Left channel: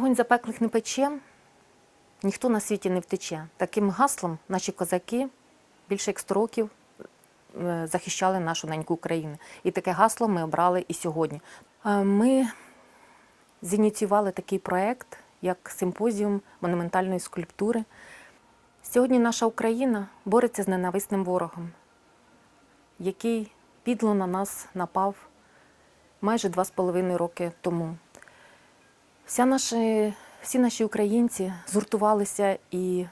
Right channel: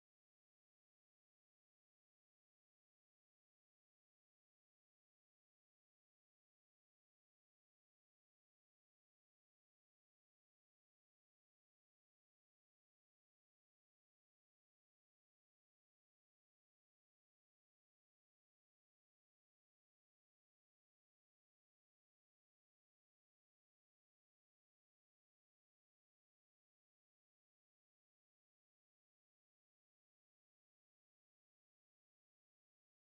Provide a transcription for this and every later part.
Вогонь запеклих не пече, ніхто на світі не втече. Таким гаслом наші козаки більше як 100 років е, захищали нашу неньку Україну. І таке гасло ми обрали і сьогодні. Ми зініціювали такий проект, як симпозіум монументальної скульптури. Сьогодні наша Україна бореться з ненависним ворогом, який підло на нас напав майже два з половиною роки тому. Вся наші, всі наші українці згуртувалися і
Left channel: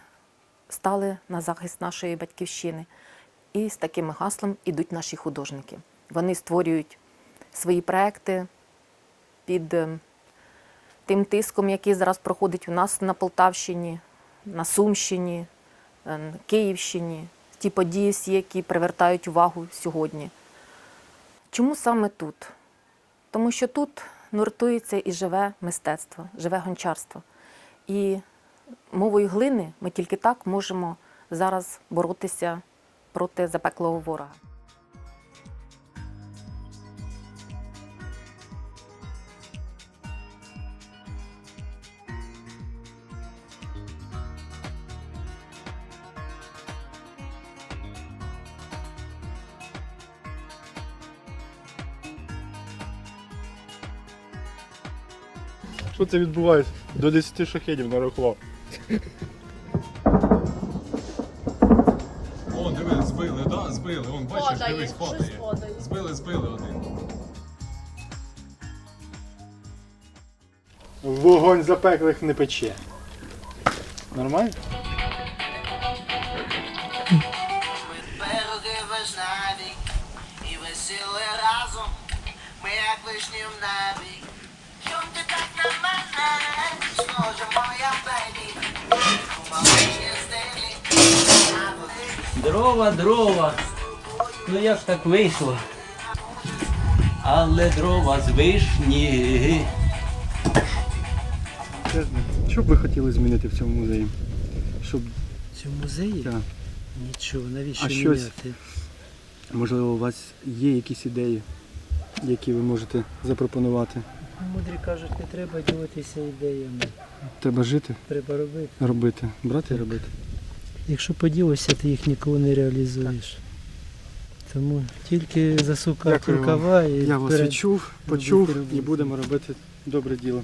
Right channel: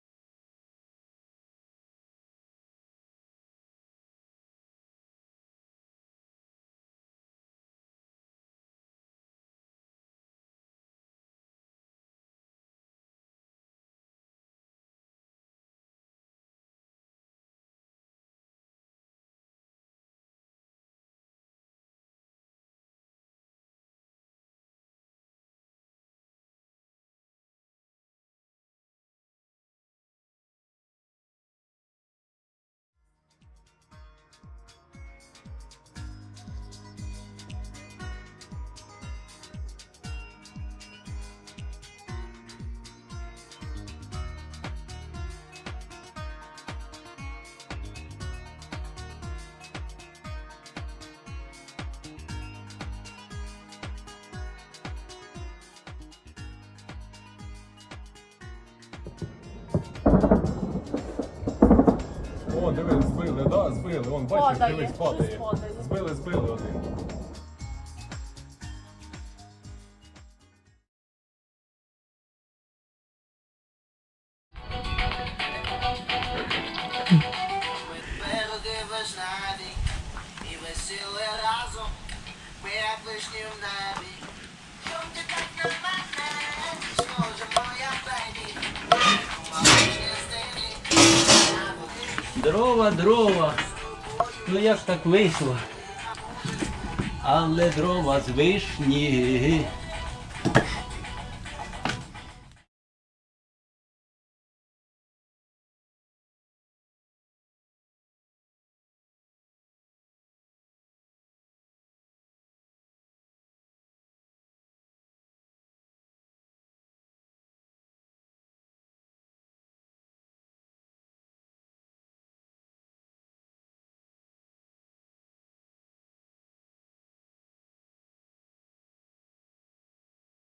стали на захист нашої батьківщини. І з таким гаслом ідуть наші художники. Вони створюють свої проекти під е, тим тиском, який зараз проходить у нас на Полтавщині, на Сумщині, е, Київщині, ті події всі, які привертають увагу сьогодні. Чому саме тут? Тому що тут нуртується і живе мистецтво, живе гончарство. І мовою глини ми тільки так можемо зараз боротися проти запеклого ворога. Що це відбувається? До 10 шахедів нарахував. О, диви, збили, да, збили. Вон, бачиш, Падає, дивись, щось падає. падає. Збили, збили один. Вогонь запеклих не пече. Нормально? Береги вишневі і весіли разом, ми як вишні в небі. Дрова, дрова. Ну як ж так вийшло? Але дрова з вишні. Що б ви хотіли змінити в цьому музеї? Щоб, В цьому музеї? так, Нічого, навіщо А щось? міняти? можливо, у вас є якісь ідеї, які ви можете запропонувати? Мудрі кажуть, не треба ділитися ідеями. Треба жити, Треба робити. робити, брати і робити. Якщо поділишся, ти їх ніколи не реалізуєш. Тому тільки засукати Дякую вам. рукава і Я вас вперед. відчув, робити почув і будемо робити добре діло.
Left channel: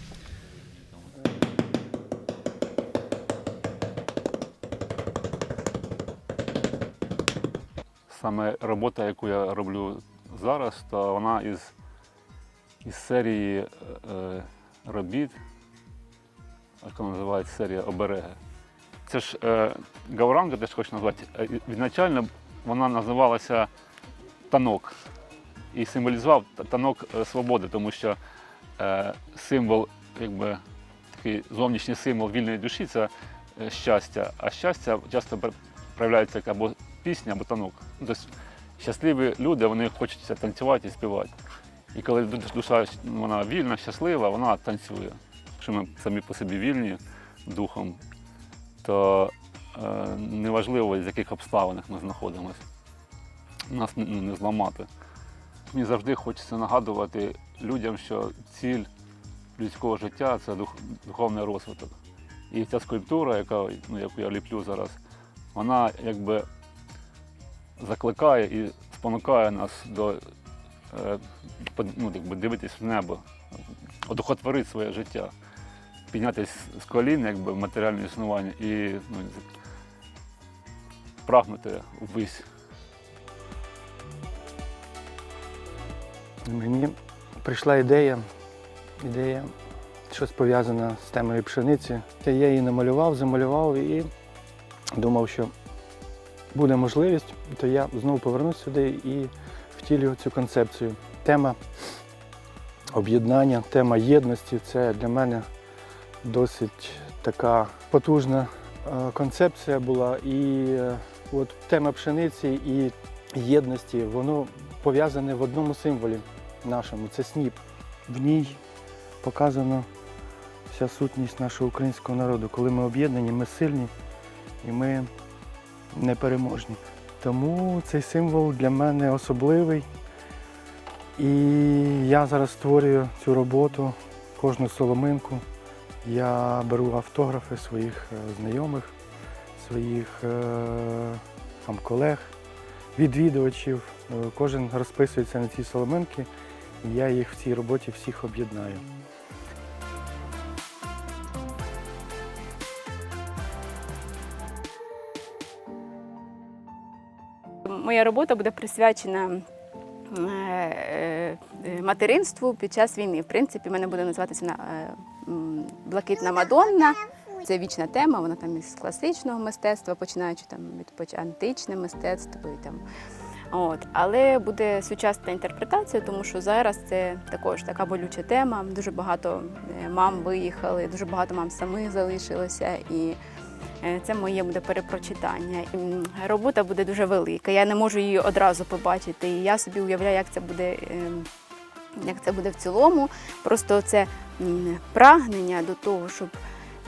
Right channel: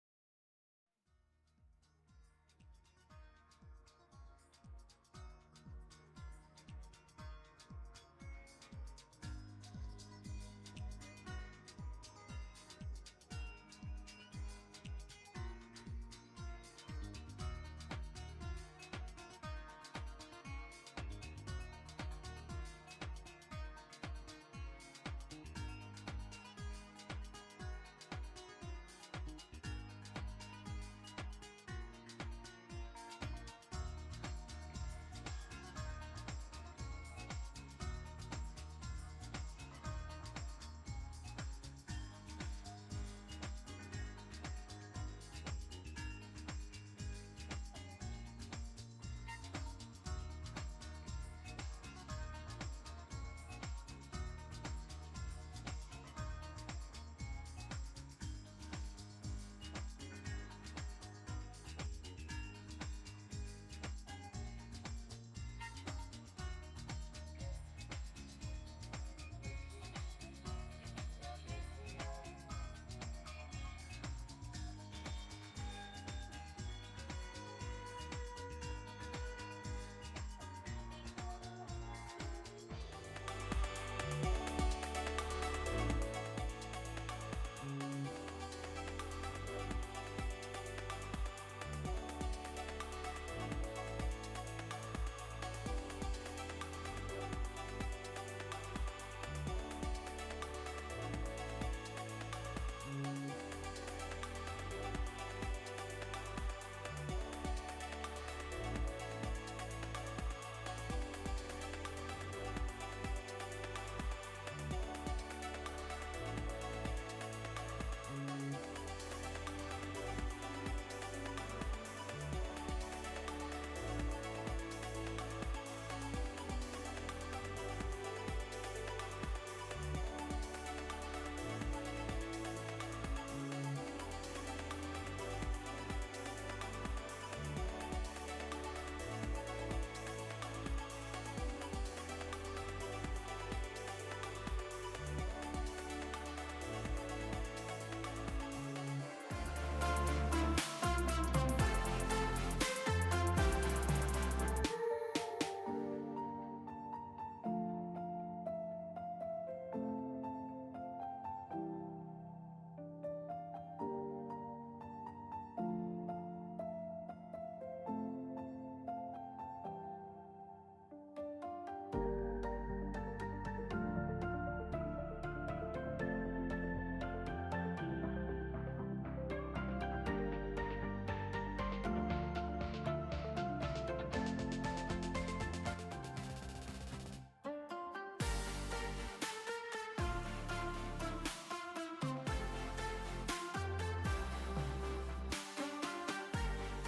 Саме робота, яку я роблю зараз, то вона із, із серії е, робіт, яка називається серія обереги. Це ж е, гауранга, теж хочу назвати. Е, Відначально вона називалася танок і символізував танок свободи, тому що е, символ, якби такий зовнішній символ вільної душі це щастя, а щастя часто проявляється як або пісня, або танок. Ну, Тобто щасливі люди, вони хочуть танцювати і співати. І коли душа ну, вона вільна, щаслива, вона танцює. Якщо ми самі по собі вільні духом, то е, неважливо, з яких обставинах ми знаходимося. Нас не, не зламати. Мені завжди хочеться нагадувати людям, що ціль людського життя це дух, духовний розвиток. І ця скульптура, яка, ну, яку я ліплю зараз, вона якби закликає і спонукає нас до е, ну, якби дивитись в небо, одухотворити своє життя, піднятися з колін якби, матеріальне існування і ну, прагнути ввись. Мені прийшла ідея, ідея, щось пов'язане з темою пшениці. Я її намалював, замалював і думав, що буде можливість, то я знову повернусь сюди і втілю цю концепцію. Тема об'єднання, тема єдності це для мене досить така потужна е, концепція була. І е, от тема пшениці і єдності, воно пов'язане в одному символі нашому це сніп. В ній показана вся сутність нашого українського народу. Коли ми об'єднані, ми сильні і ми непереможні. Тому цей символ для мене особливий. І я зараз створюю цю роботу, кожну соломинку, Я беру автографи своїх е, знайомих, своїх е, там, колег, відвідувачів. Е, Кожен розписується на ці соломинки, і я їх в цій роботі всіх об'єднаю. Моя робота буде присвячена материнству під час війни. В принципі, мене буде називатися м, Блакитна Мадонна. Це вічна тема, вона там із класичного мистецтва, починаючи там від античне мистецтво. І там. От. Але буде сучасна інтерпретація, тому що зараз це також така болюча тема. Дуже багато е, мам виїхали, дуже багато мам самих залишилося. І Е, Це моє буде перепрочитання. І, Робота буде дуже велика. Я не можу її одразу побачити. І я собі уявляю, як це буде, ем, як це буде в цілому. Просто це прагнення до того, щоб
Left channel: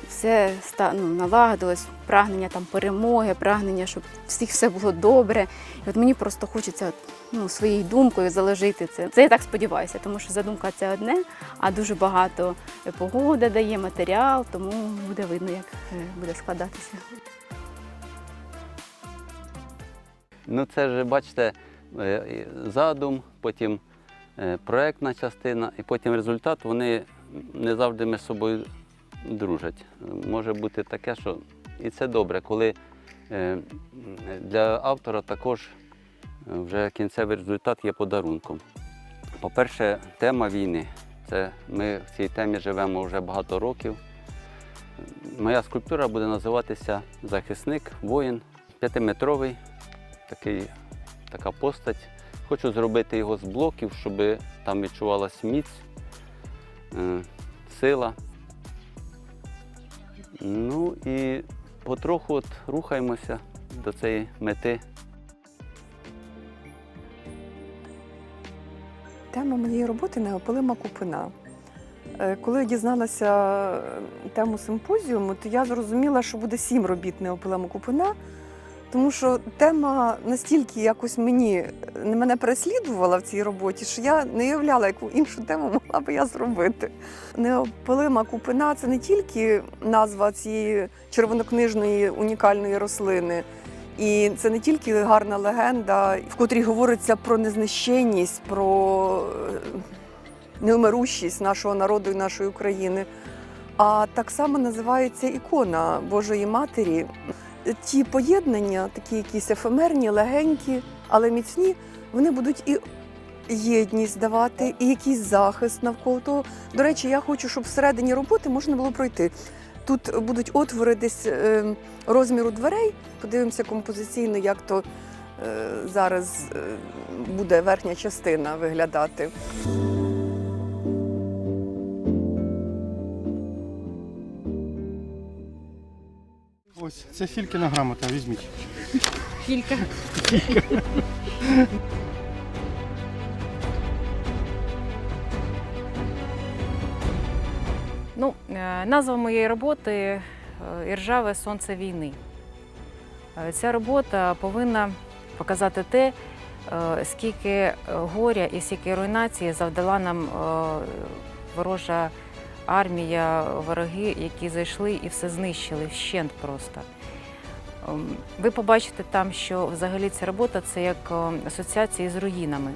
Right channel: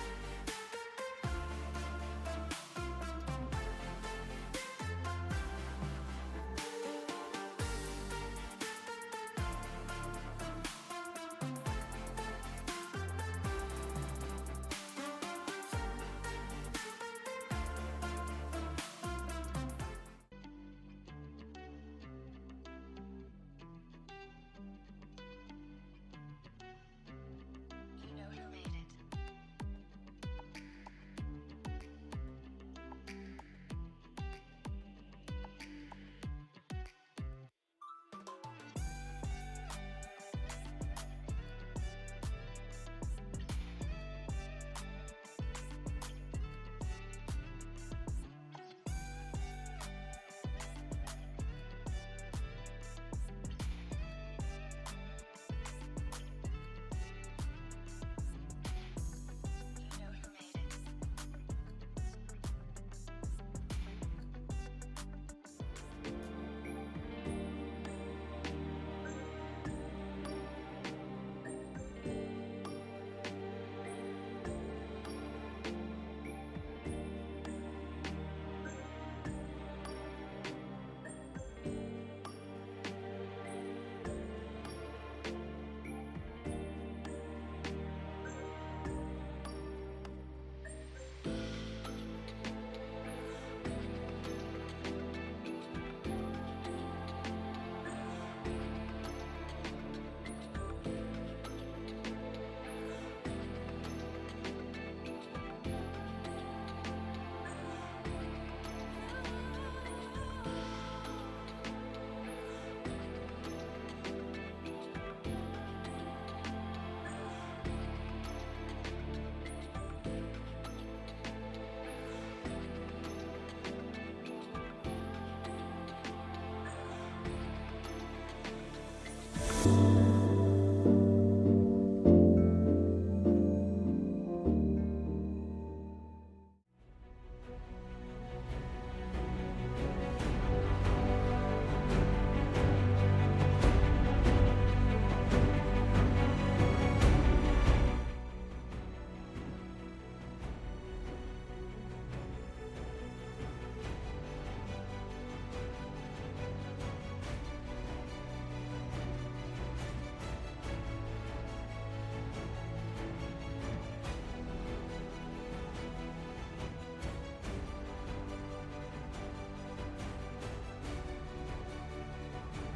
все ну, налагодилось, прагнення там перемоги, прагнення, щоб всіх все було добре. І от мені просто хочеться ну, своєю думкою заложити це. Це я так сподіваюся, тому що задумка це одне, а дуже багато погода дає матеріал, тому буде видно, як е, буде складатися. Ну, це ж, бачите, е, задум, потім е, проектна частина, і потім результат, вони не завжди між собою дружать. Може бути таке, що і це добре, коли е, для автора також е, вже кінцевий результат є подарунком. По-перше, тема війни. Це ми в цій темі живемо вже багато років. Моя скульптура буде називатися Захисник, воїн, п'ятиметровий такий, така постать. Хочу зробити його з блоків, щоб там відчувалась міць, сила. Ну і потроху от рухаємося до цієї мети. Тема моєї роботи неопалима купина. Е, Коли я дізналася е, тему симпозіуму, то я зрозуміла, що буде сім робіт неопалима купина, тому що тема настільки якось мені е, мене переслідувала в цій роботі, що я не уявляла, яку іншу тему могла би я зробити. Неопалима купина це не тільки назва цієї червонокнижної унікальної рослини. І це не тільки гарна легенда, в котрій говориться про незнищенність, про е, неумирущість нашого народу і нашої України, а так само називається ікона Божої Матері. Ті поєднання, такі якісь ефемерні, легенькі, але міцні, вони будуть і єдність давати, і якийсь захист навколо того. До речі, я хочу, щоб всередині роботи можна було пройти. Тут будуть отвори десь е, розміру дверей. Подивимося композиційно, як то е, зараз е, буде верхня частина виглядати. Це Фількіна грамота, візьміть. Ну, е, назва моєї роботи е, Іржаве сонце війни. Е, Ця робота повинна показати те, скільки горя і скільки руйнації завдала нам ворожа армія, вороги, які зайшли і все знищили вщент просто. Ем, Ви побачите там, що взагалі ця робота це як е, асоціація з руїнами.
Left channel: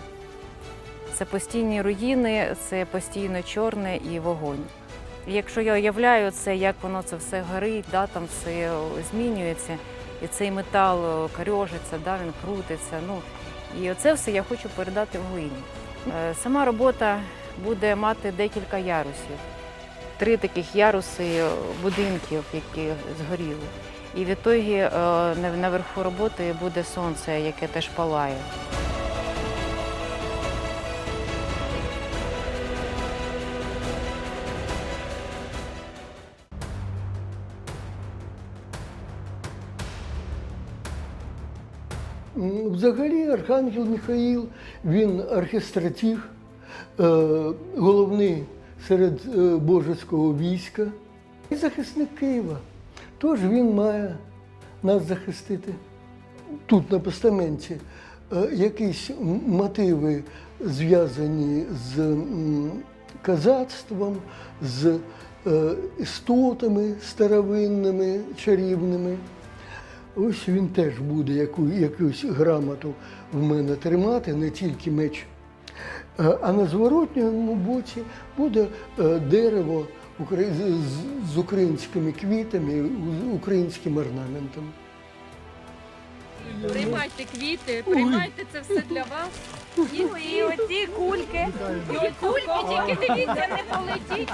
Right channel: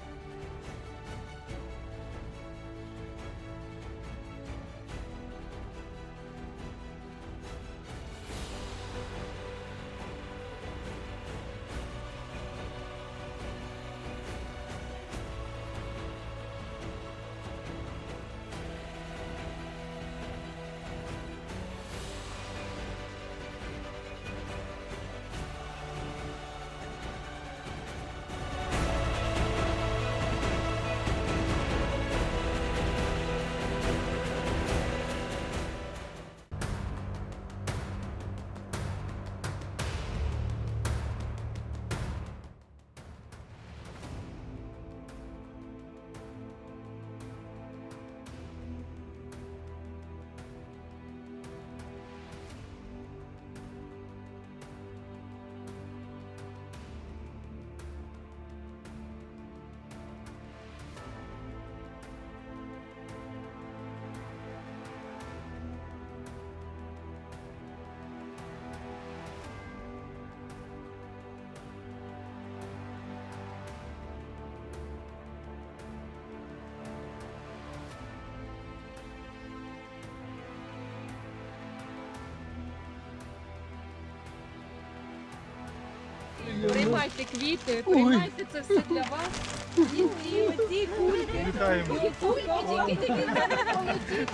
Це постійні руїни, це постійно чорне і вогонь. І Якщо я уявляю це, як воно це все горить, да, там все змінюється, і цей метал е, корьожиться, да, він крутиться. Ну, і оце все я хочу передати в глині. Е, Сама робота буде мати декілька ярусів. Три таких яруси е, будинків, які згоріли. І відтоді е, на- наверху роботи буде сонце, яке теж палає. Взагалі Архангел Михаїл, він архістратіг, е, головний серед е, божеського війська і захисник Києва. Тож він має нас захистити. Тут на постаменті е, якісь мотиви зв'язані з казацтвом, з е, істотами старовинними, чарівними. Ось він теж буде яку, якусь грамоту в мене тримати, не тільки меч. Е, А на зворотньому боці буде дерево з- українськими квітами, українським орнаментом. Приймайте квіти, приймайте це все для вас. І, і оці кульки. І кульки, тільки дивіться, не полетіть.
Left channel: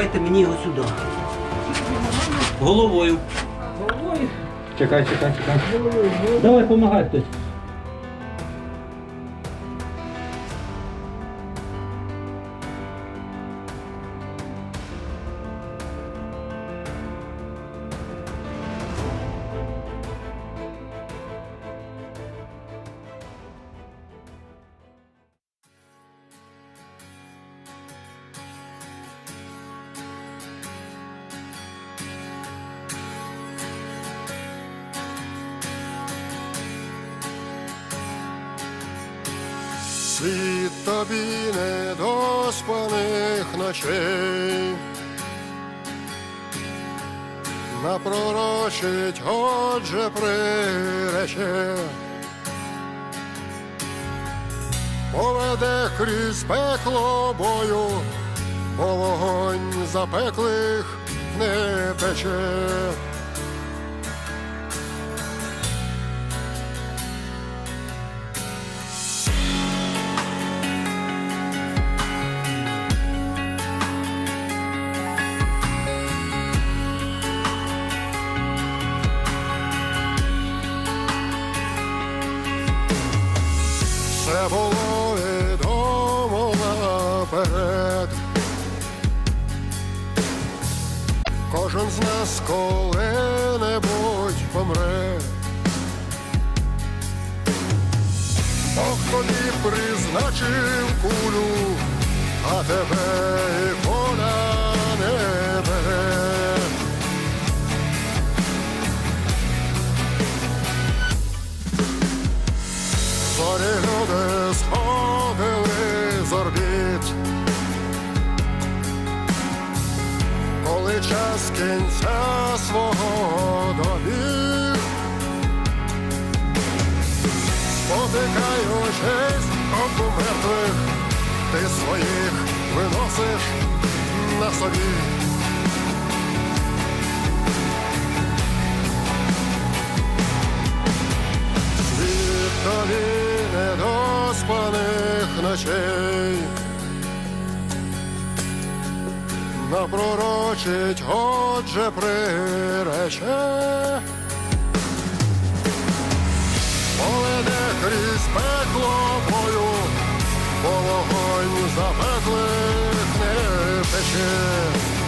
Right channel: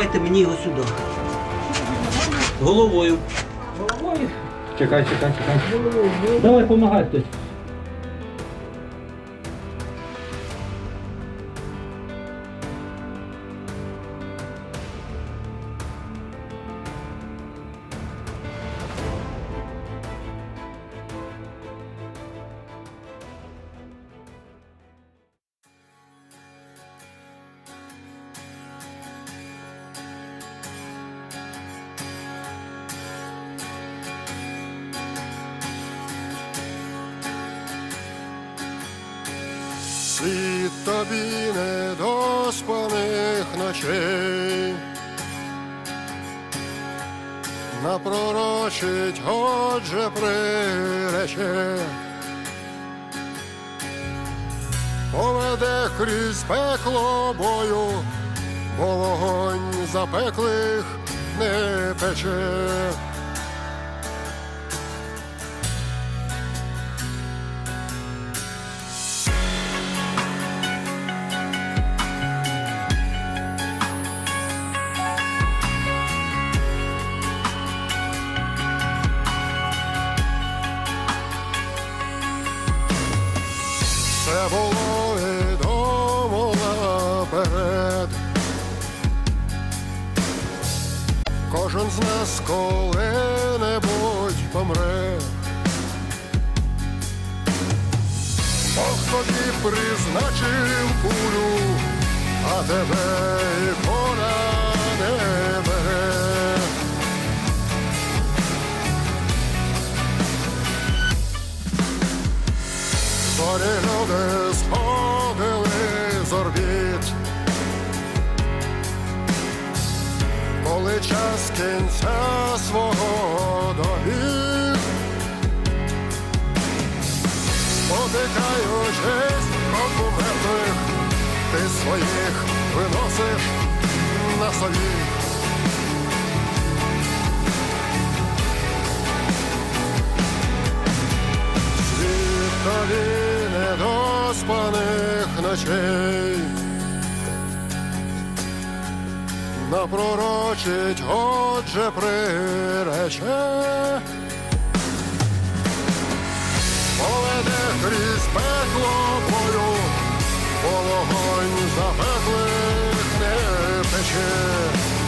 Давайте мені його сюди. Головою. Головою? Чекай, чекай, чекай. Давай, помагай хтось. Світ тобі недоспаних ночей. Напророчить, отже, прирече. Поведе крізь пекло бою, бо вогонь запеклих не пече. Все було відомо наперед. Кожен з нас коли-небудь помре. Бог тобі призначив кулю, а тебе і поля Зорі люди сходили з орбіт. Коли час кінця свого добіг, спотикаючись об мертвих, ти своїх виносиш на собі. Світ тобі недоспаних ночей. Напророчить, отже, прирече. Поведе крізь пекло бою, бо вогонь запеклих не пече.